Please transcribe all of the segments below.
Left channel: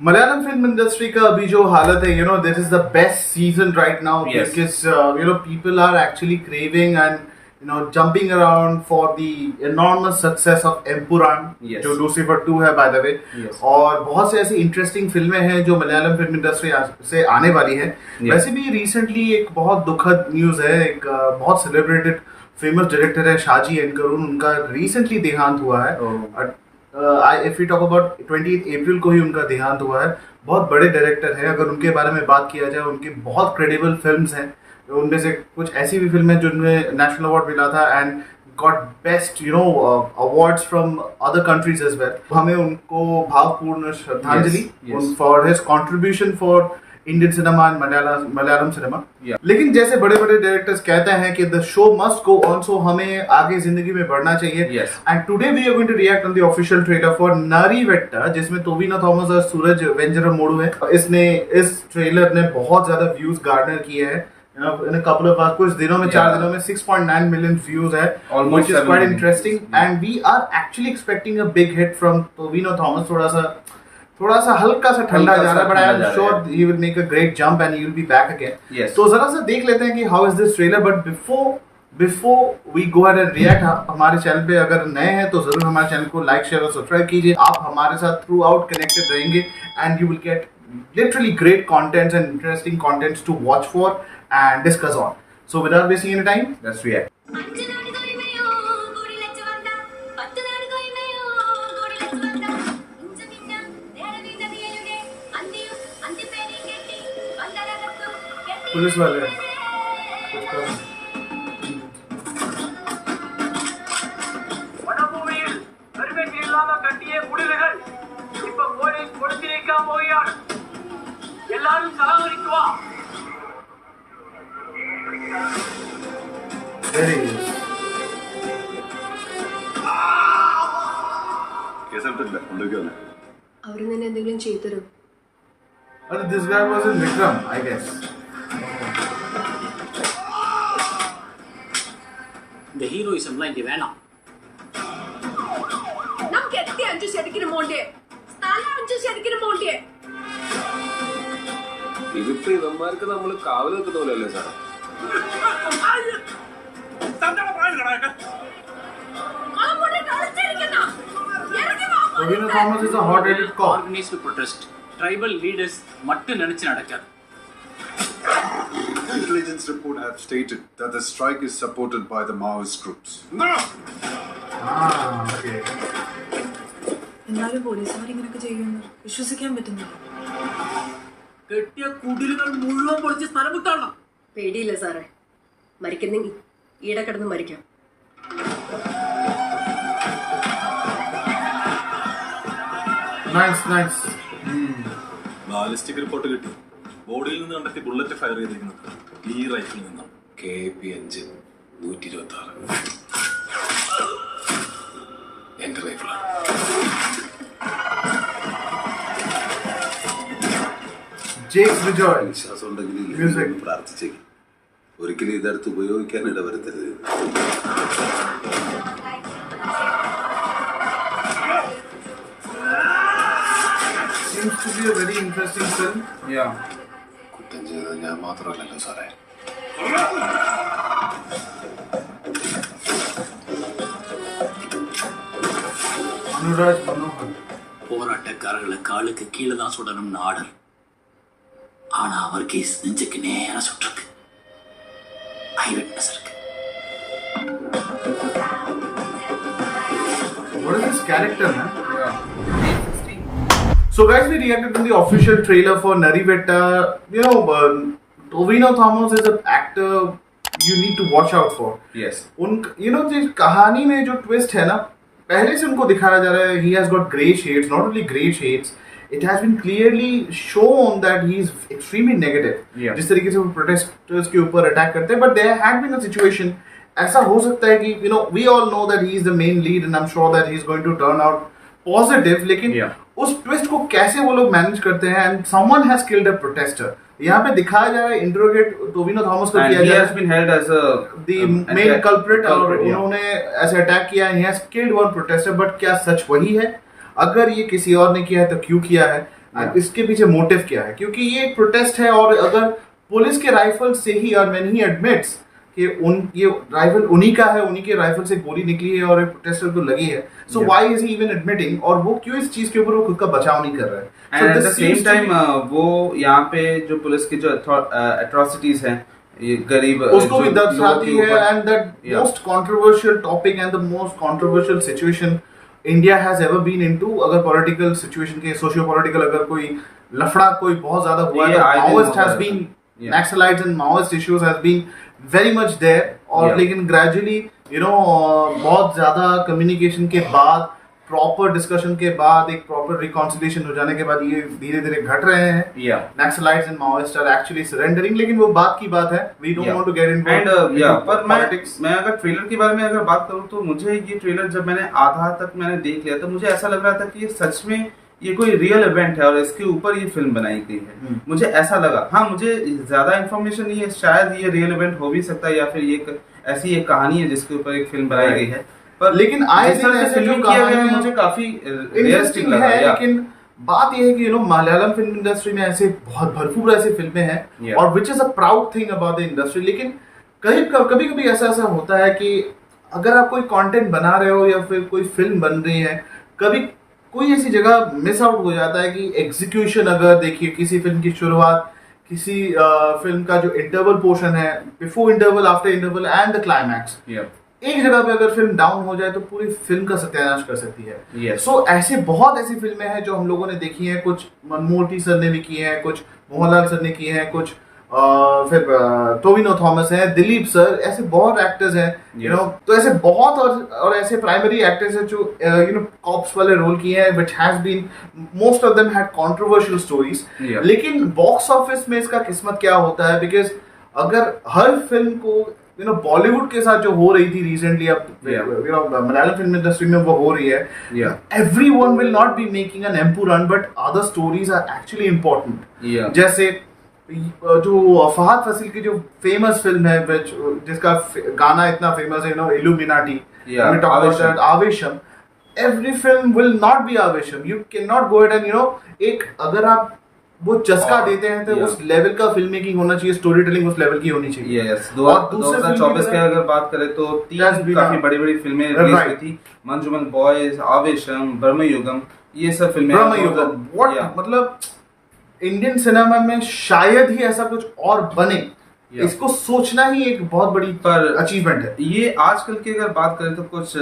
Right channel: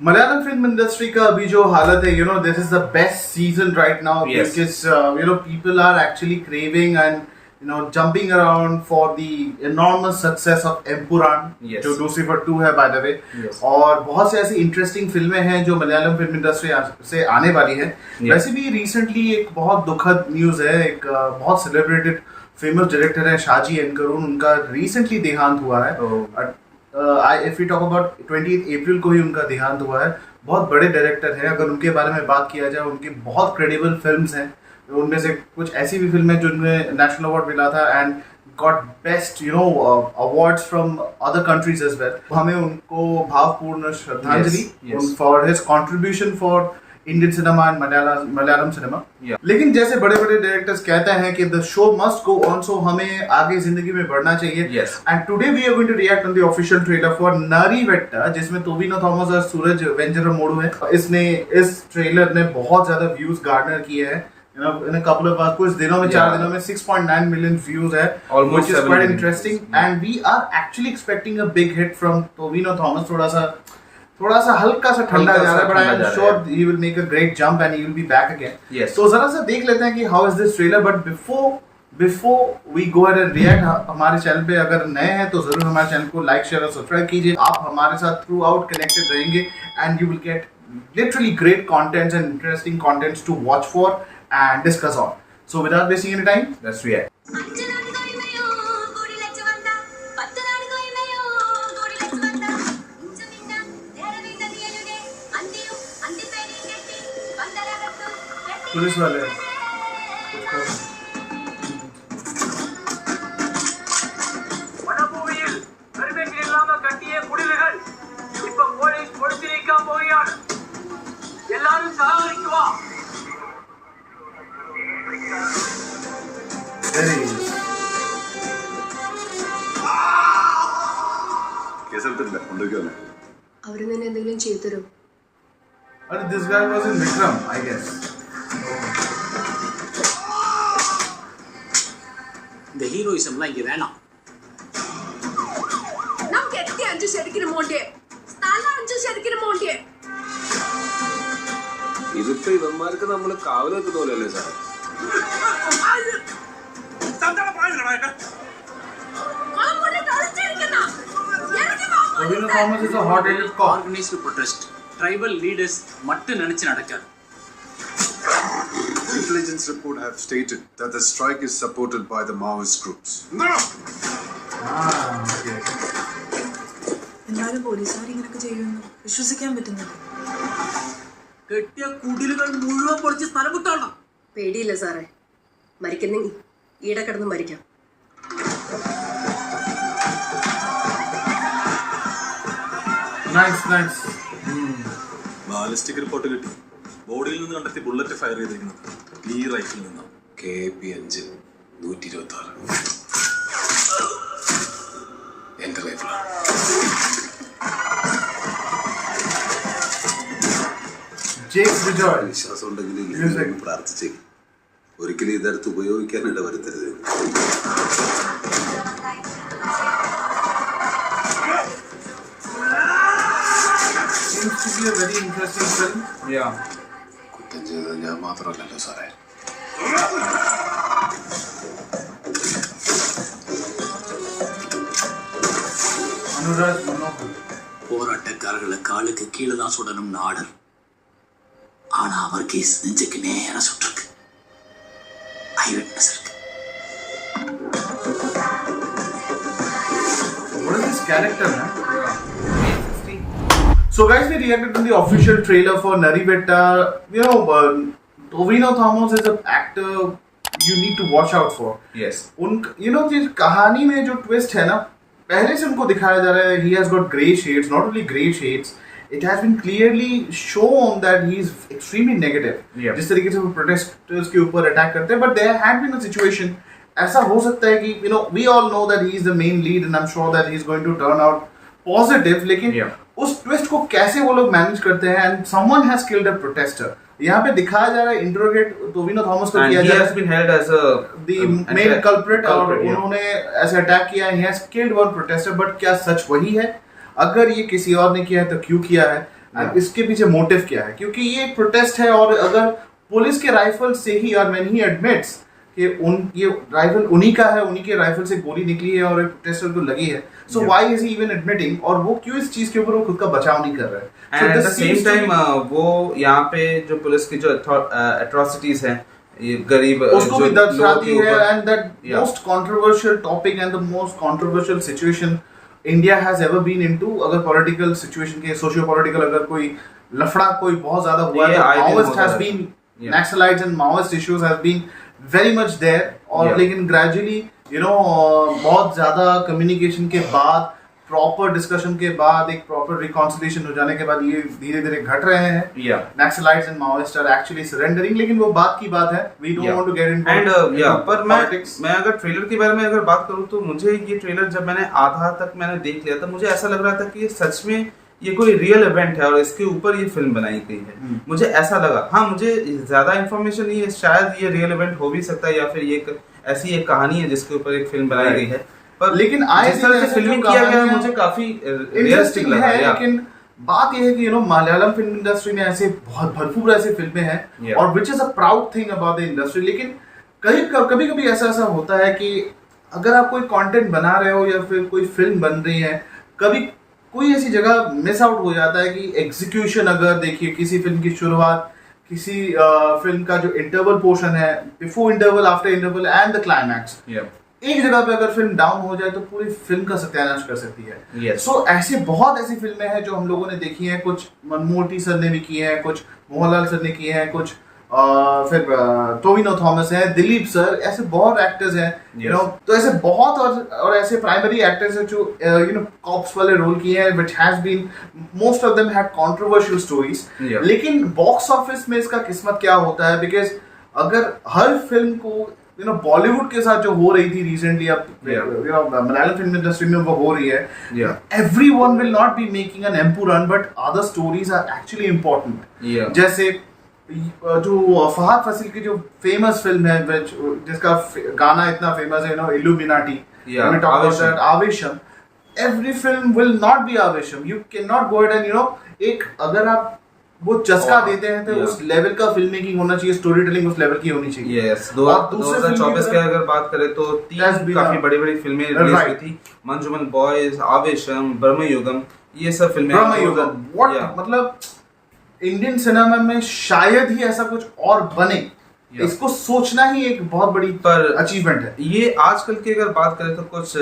Malayalam film industry का अभी जो हालत है, this is the best season right now Yes. Because people are actually craving and jumping around for the enormous success of Empuraan, Yes. जो Lucifer 2 है by the way. Yes. और बहुत से ऐसी इंटरेस्टिंग फिल्में हैं जो मलयालम फिल्म इंडस्ट्री से आने वाली है। Yes. वैसे भी रिसेंटली एक बहुत दुखद न्यूज है, एक बहुत सेलिब्रेटेड फेमस डायरेक्टर है शाजी एन करून, उनका रिसेंटली देहांत हुआ है। इफ यू टॉक अबाउट 28 अप्रैल को ही उनका देहांत हुआ है। बहुत बड़े डायरेक्टर हैं, अगर उनके बारे में बात किया जाए, उनकी बहुत क्रेडिबल फिल्म्स हैं। उनमें से कुछ ऐसी भी फिल्में जिनमें नेशनल अवार्ड मिला था and got best awards from other countries as well. हमें उनको भावपूर्ण श्रद्धांजलि Yes. For his contribution for Indian cinema and Malayalam cinema. Yeah. लेकिन जैसे बड़े बड़े डायरेक्टर्स कहते हैं कि the show must go on, so हमें आगे जिंदगी में बढ़ना चाहिए। Yes. And today we are going to react on the official trailer for Narivetta, जिसमें टोविनो थॉमस और सूरज वेंजरम मोडू है। इस ट्रेलर ने बहुत ज्यादा व्यूज गार्डनर किए हैं। In a couple of hours, कुछ दिनों में, 4 दिनों में 6.9 million views है, Almost which is 7 quite million. interesting. And we are actually expecting a big hit from Tovino Thomas. थोड़ा सा हल्का सा ठंडा जा रहा है, but I am sure he will make a great jump and he will be back again. Yes. तो जरा सा देख लेते हैं कि how is this trailer. But before we go ahead and react, हमारे चैनल पे अगर नए हैं तो जरूर हमारे चैनल को लाइक, शेयर और सब्सक्राइब कीजिए। आप हमारे साथ थ्रू आउट कनेक्टेड रहेंगे and you will get literally great contents and interesting contents to watch for and discuss on. So without wasting any time, Let's react. Police वाले வனபூமியில் பெருமைக்கு இல்லாம கட்டிய குடில்கள் இப்ப போலீஸ் பொழுது வைக்காம போகிறார். எல்லாரும் சகாகரித்து வா. there he is. കേസെടുത്തിട്ടില്ല കൊണ്ടുവയ്ക്കുമല്ലേ അവര് തന്നെ എന്തെങ്കിലും ചെയ്തു തരും. This guy was in Vikram, I guess. இந்த ஹீரோயிசம்லாம் இங்க வேணாம். നമുക്ക് എത്തി 5 ശരിക്കും മോണ്ടേ സ്ഥലം 5 ശരിക്കും മോണ്ടേ. ഇതിപ്പോ ഇവന്മാർക്ക് നമ്മള് കാവൽ വെക്കുന്ന പോലെയല്ലേ സാറേ? Tovino Thomas is a hot-headed cop. Organised protest tribal leaders மட்டும் நினைச்சு நடக்காது. Intelligence report have stated that the strike is supported by the Maoist groups. Okay. എന്നാലും പോലീസുകാർ ഇങ്ങനെയൊക്കെ ചെയ്യുമെന്ന് വിശ്വസിക്കാൻ പറ്റുന്നില്ല. കെട്ടിയ കുടിലുകൾ മുഴുവൻ പൊളിച്ച് സ്ഥലം വിട്ടോണം. പേടിയില്ല സാറേ, മരിക്കുന്നെങ്കിൽ ഈടെ കിടന്ന് മരിക്കാം. Nice. ബാലിസ്റ്റിക് റിപ്പോർട്ട് കിട്ടി. ബോഡിയിൽ നിന്ന് കണ്ടെത്തി ബുള്ളറ്റ് ഫയർ ചെയ്തിരിക്കുന്നത് ഈ റൈഫിൽ നിന്നാണ്. KP5 126 എന്റെ റൈഫിലാണ്. Jake Vijay. വിശ്വാസം ഉണ്ടെങ്കിൽ Music. പ്രാർത്ഥിച്ചേ ഒരിക്കലും ഇതെടുത്ത് ഉപയോഗിക്കാൻ ഇടവരുത്തരുത്. Seems to be a very interesting film. Yeah. കുറ്റം ചെയ്തത് ഞാൻ മാത്രമല്ലല്ലോ സാറേ. Anurag Manohar. போராட்டக்காரர்களை காலுக்கு கீழே தான் சுடணும்னு ஆர்டர். ஆனா அவர் கேஸ் நெஞ்சுக்கு நேரா சுட்டிருக்கு. ஐ விட்னஸ் இருக்கு. What is this character, man? Yeah. So guys, we reacted to the official trailer for Narivetta. Tovino Thomas is an actor you need to watch out for. Yes. जिस कहानी में जो twist है ना, पहले से उनको दिखाया जा रहा है, he has got grey shades, not only grey shades, it has been clearly shown that he is extremely negative. Yeah. जिस तरीके से वो protesters के ऊपर अटैक करते हैं, but there had been a situation, ऐसा हो सकता है कि we all know that he is the main lead and I'm sure that he is going to turn out positive, लेकिन Yeah. उस ट्विस्ट को कैसे वो लोग मैनेज करते हैं and someone has killed a protester. यहाँ पे दिखाया जा रहा है, इंट्रोगेट टोविनो थॉमस को And किया he जा रहा has है, been held as a the main culprit, और yeah. उन्होंने ऐसे अटैक किया है, he has killed one protester, but क्या सच वही है? अगर ये किसी और ने किया है तो क्यों किया है? And इसके पीछे मोटिव क्या है, क्योंकि ये एक प्रोटेस्ट है और अगर पुलिस के राइफल से ही, और व्हेन ही एडमिट्स कि ये राइफल उन्हीं का है, उन्हीं के राइफल से गोली निकली है और एक प्रोटेस्टर को लगी है, so why is he even admitting, और वो क्यों इस चीज के ऊपर वो खुद का बचाव नहीं कर रहा है. And at the same time वो यहाँ पे जो पुलिस की जो एट्रोसिटीज हैं, ये गरीब उसको भी दर्शाती है. ऊपर, and that most controversial topic and the most controversial situation India has ever been into. अगर पॉलिटिकल सिचुएशन के सोशियो पॉलिटिकल अगर कोई लफड़ा कोई बहुत ज्यादा हुआ है, Maoist has been, Naxalites and Maoist issues has been very much there. और लेकिन ग्रेजुअली यू नो बहुत ज्यादा कम्युनिकेशन के बाद, प्रॉपर डिस्कशन के बाद, एक प्रॉपर रिकॉन्सिलिएशन हो जाने के बाद ये धीरे धीरे घट रहे हैं. Naxalites and Maoist are actually surrendering. लेकिन वो बात की बात है, we don't want to get into. And पर मैं अगर ट्रेलर के बारे में अगर बात करूं तो मुझे ये ट्रेलर जब मैंने आधा तक मैंने देख लिया था, मुझे ऐसा लग रहा था कि ये सच में ये कोई रियल इवेंट है और इसके ऊपर ये फिल्म बनाई गई है. मुझे ऐसा लगा. हाँ, मुझे ज्यादा इन्फॉर्मेशन नहीं है, शायद ये रियल इवेंट हो भी सकता है या फिर ये ऐसी एक कहानी है जिसके ऊपर एक फिल्म बनाई गई है. पर लेकिन जिस तरह से फिल्मिंग किया गया है मुझे काफी रियलिस्टिक लगा. लेकिन बात यह है कि you know Malayalam film industry में ऐसे बहुत भरपूर ऐसी फिल्में हैं और which is a proud thing about the industry. लेकिन कभी कभी ऐसा होता है कि अगर आप कोई कंटेंट बना रहे हो या फिर कोई फिल्म बन रही है, कभी कोई ऐसी जगह मिस आउट हो जाता है कि एग्जीक्यूशन, अगर देखिए किसी फिल्म की शुरुआत, किसी फिल्म का जो इंटरवल पोर्शन है, before interval, after interval and the climax, एक जगह पे अगर फिल्म डाउन हो जाए तो पूरी फिल्म का सत्यानाश कर सकती है. सो ऐसे बहुत ऐसी फिल्में हैं जो हम लोगों ने देखी हैं. कुछ मनमोहन सर ने भी की हैं, कुछ मोहनलाल सर ने किए हैं, कुछ फिर टोविनो थॉमस है, दिलीप सर, ऐसे बहुत एक्टर्स हैं यू नो. तो ऐसे बहुत और ऐसे प्राइमरी एक्टर्स हैं जो यू नो कॉप्स वाले रोल किए हैं, which has been, most of them had controversial stories. लेकिन बॉक्स ऑफिस में इसका किस्मत क्या होता है, बिकॉज अगर हर फिल्म को यू नो बॉलीवुड के साथ जो हो रही थी रिसेंटली, अब you know Malayalam film industry में वो हो रही है, everyone will not be making an Empuraan, but other stories are actually important. जैसे जो फहद फासिल की जो फेमस फिल्म है, जिसका गाना इतना फेमस है, no Illuminati, Aavesham. Every film will not be Aavesham. You can not go it and you know, एक अगर आप वो चस्का देते हैं तो उस लेवल का फिल्म मेकिंग होना चाहिए, स्टोरी टेलिंग उस लेवल की होनी चाहिए. यस, 2024 की अगर बात करें तो 3 काफी बड़ी फिल्में रिलीज हुई थी. मंजूमल बॉयज, आवेशम, ब्रह्मयुगम, ये सब फिल्में. मतलब इंडियन सिनेमा में शायद ही ऐसा कुछ और बने, इसको सोचना ही एक बहुत बड़ी अचीवमेंट है. ये आजकल की अगर बात करें तो कुछ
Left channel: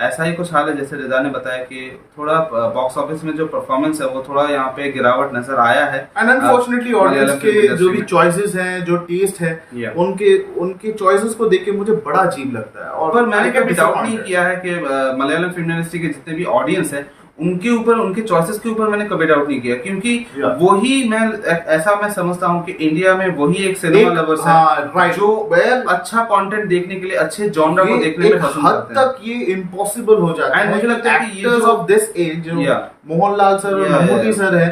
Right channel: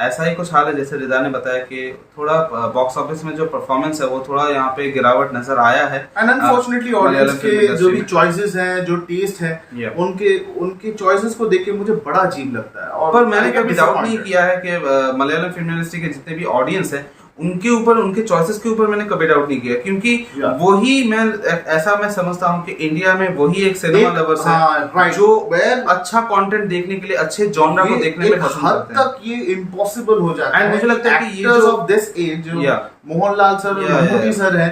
ऐसा ही कुछ हाल है. जैसे रिजा ने बताया कि थोड़ा बॉक्स ऑफिस में जो परफॉर्मेंस है वो थोड़ा यहाँ पे गिरावट नजर आया है. एंड अनफॉर्चुनेटली ऑडियंस के जो भी चॉइसेस हैं, जो टेस्ट है, उनके चॉइसेस को देख के मुझे बड़ा अजीब लगता है. और पर मैंने कभी डाउट नहीं किया है कि मलयालम फिल्म इंडस्ट्री के जितने भी ऑडियंस है उनके ऊपर, उनके चॉइसेस के ऊपर मैंने कभी डाउट नहीं किया, क्योंकि वही मैं समझता हूँ कि इंडिया में वही एक सिनेमा लवर्स है जो अच्छा कंटेंट देखने के लिए, अच्छे जॉनरा को देखने में पसंद करते हैं. तक ये इम्पॉसिबल हो जाता है. मुझे लगता है कि ये जो ऑफ दिस एज जो मोहनलाल सर और ममूटी सर हैं,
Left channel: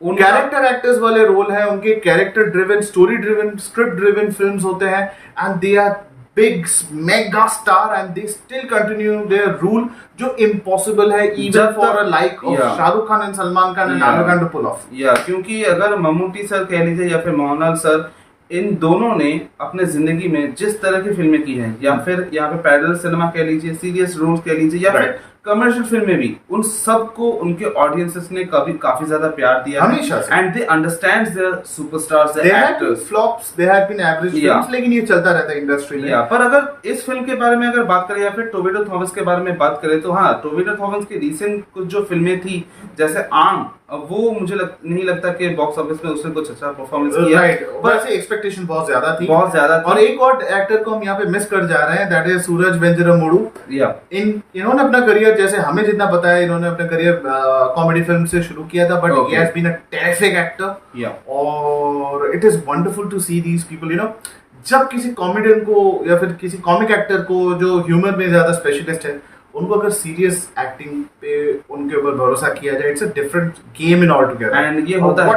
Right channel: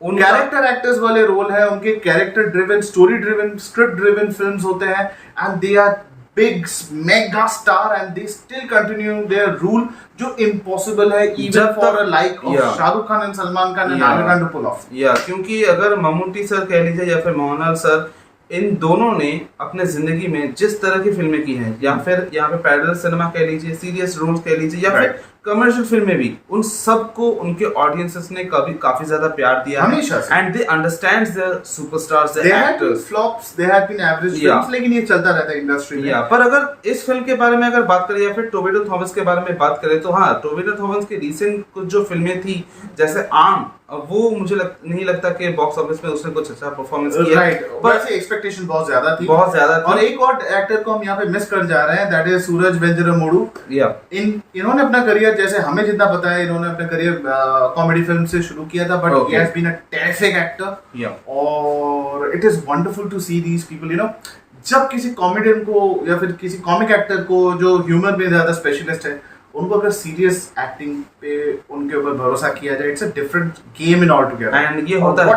उन कैरेक्टर एक्टर्स वाले रोल है, उनके character driven, story driven, script driven films होते हैं, and they are big mega star and they still continue their rule, जो impossible है even for a like of Shahrukh Khan and Salman Khan and Aamir Khan to pull off. क्योंकि अगर Mammootty sir कह लीजिए या फिर मोहनलाल सर, इन दोनों ने अपने जिंदगी में जिस तरह की फिल्में की हैं, या फिर यहाँ पे पैरेलल सिनेमा कह लीजिए, सीरियस रोल्स कह लीजिए, या फिर कमर्शियल फिल्में भी, उन सबको उनके ऑडियंसेस ने काफी ज्यादा प्यार दिया हमेशा से. And they understand their superstars, their actors. Flops, they have been average films, लेकिन ये चलता रहता है इंडस्ट्री में. पर अगर इस फिल्म के बारे में अगर बात करें या फिर टोविनो थॉमस के बारे में बात करें तो हाँ, टोविनो थॉमस की रिसेंट कुछ जो फिल्में थी जैसे आम, वो मुझे नहीं लगता कि बॉक्स ऑफिस में उसने कुछ अच्छा परफॉर्मेंस किया. पर ऐसे एक्सपेक्टेशन बहुत ज्यादा थी. और एक और एक्टर को हम यहाँ पे मिस कर जा रहे हैं, दैट इज सूरज वेंजरमोडू. इन्होंने अपना करियर, जैसे हमें जितना पता है, इन्होंने अपना करियर कॉमेडी फिल्म से शुरू किया था, but he has been a terrific actor. और it is wonderful to see these people, you know. जब किसी कॉमेडियन को या फिर किसी कॉमिक एक्टर को जो ह्यूमर में ज्यादा स्पेशलिस्ट है, उनको अगर सीरियस एक्टिंग पे उनके ऊपर भरोसा किया जाए, it's a different game in all together. And ये होता है,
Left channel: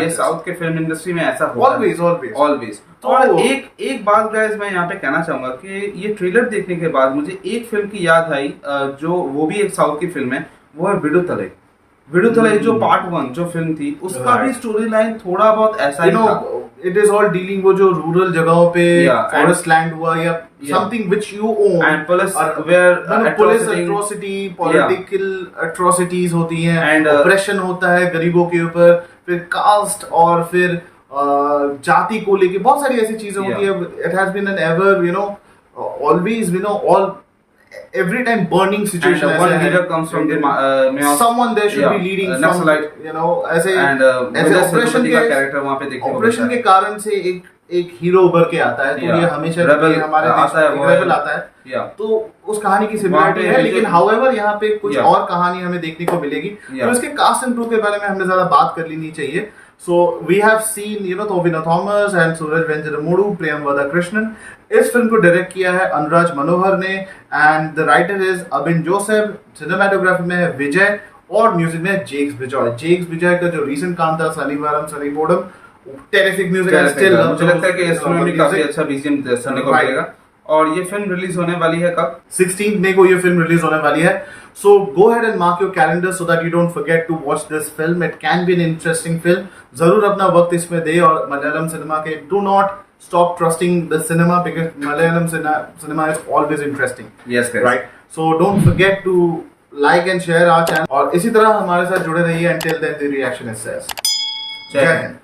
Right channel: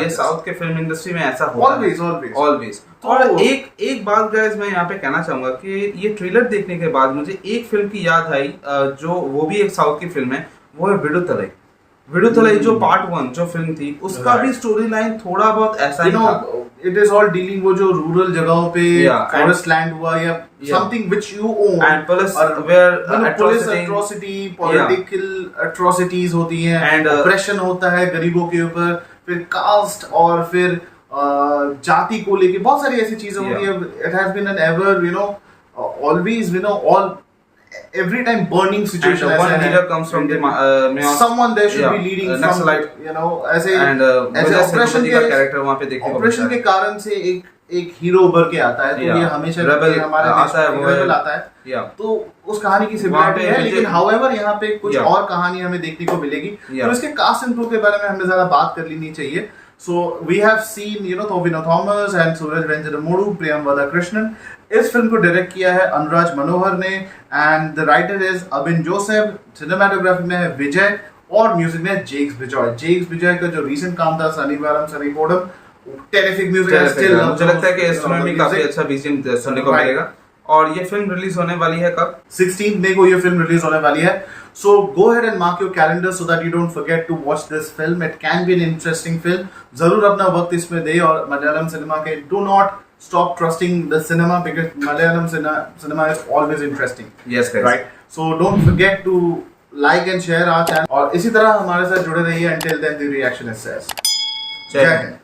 ये साउथ के फिल्म इंडस्ट्री में ऐसा होता है ऑलवेज. और एक बात गाइस मैं यहाँ पे कहना चाहूंगा कि ये ट्रेलर देखने के बाद मुझे एक फिल्म की याद आई, जो वो भी एक साउथ की फिल्म है, वो है विडुतलाई. विडुतलाई जो पार्ट 1 जो फिल्म थी उसका भी स्टोरी लाइन थोड़ा बहुत ऐसा ही था. इट इज ऑल डीलिंग वो जो रूरल जगहों पे Yeah, फॉरेस्ट लैंड हुआ या something which you own And police were police atrocity- atrocity political atrocities होती हैं And, ऑपरेशन होता है गरीबों के ऊपर, फिर कास्ट और फिर जाति को लेके बहुत सारी ऐसी चीजें होती है. It has been an ever always all every time burning And situation one ऐसा है. leader comes from the Maos. someone there should Yeah, be leading some Naxalite. ऐसे And ऐसे विजय ऑपरेशन सेतुपति का के कैरेक्टर वहाँ पे देखने को ऑपरेशन मिलता के है. कारण से एक हीरो उभर के आता है. तो Yeah. ये हमेशा Rebel हमारे आता है, वो है. रेबल आता है. Yeah. तो उस कहानी की वहाँ सिमिलरिटी पे है, विजय- लेकिन हाउएवर यहाँ पे कुछ Yeah. और कहानी हमें देखने को मिलेगी. Yeah. तो इसके कास्ट एंड क्रू के बारे में हमें ज्यादा बात कर लेनी चाहिए. So we have seen Tovino Thomas and Suraj Venjaramodu, Priyamvada Krishnan. इस फिल्म को डायरेक्ट किया है अनुराज मनोहर ने and the writer is अबिन Joseph. Cinematography में है विजय और म्यूजिक में है जेक्स बिजॉय. जेक्स बिजॉय का जो रीसेंट काम था सनीवारम सनीपोडम, टेरिफिक म्यूजिक. मुझे लगता है कि इस फिल्म में काफी अच्छा बीजीएम सुनने को मिलेगा. और ये फिल्म रिलीज होने वाली है कब? 16 मई को ये फिल्म रिलीज होने वाली है. So go ahead and mark your calendar so that you don't forget to watch this film. It can be an interesting film. जरूर अपना वक्त इसमें दे और मलयालम सिनेमा के do not stop trusting the cinema because Malayalam cinema is always interesting. Yes guys. Right. So don't forget to like and share our channel. और इसी तरह हमारे साथ जुड़े रहिए. Until then the reaction is says. जय जय हिंद. हिंद.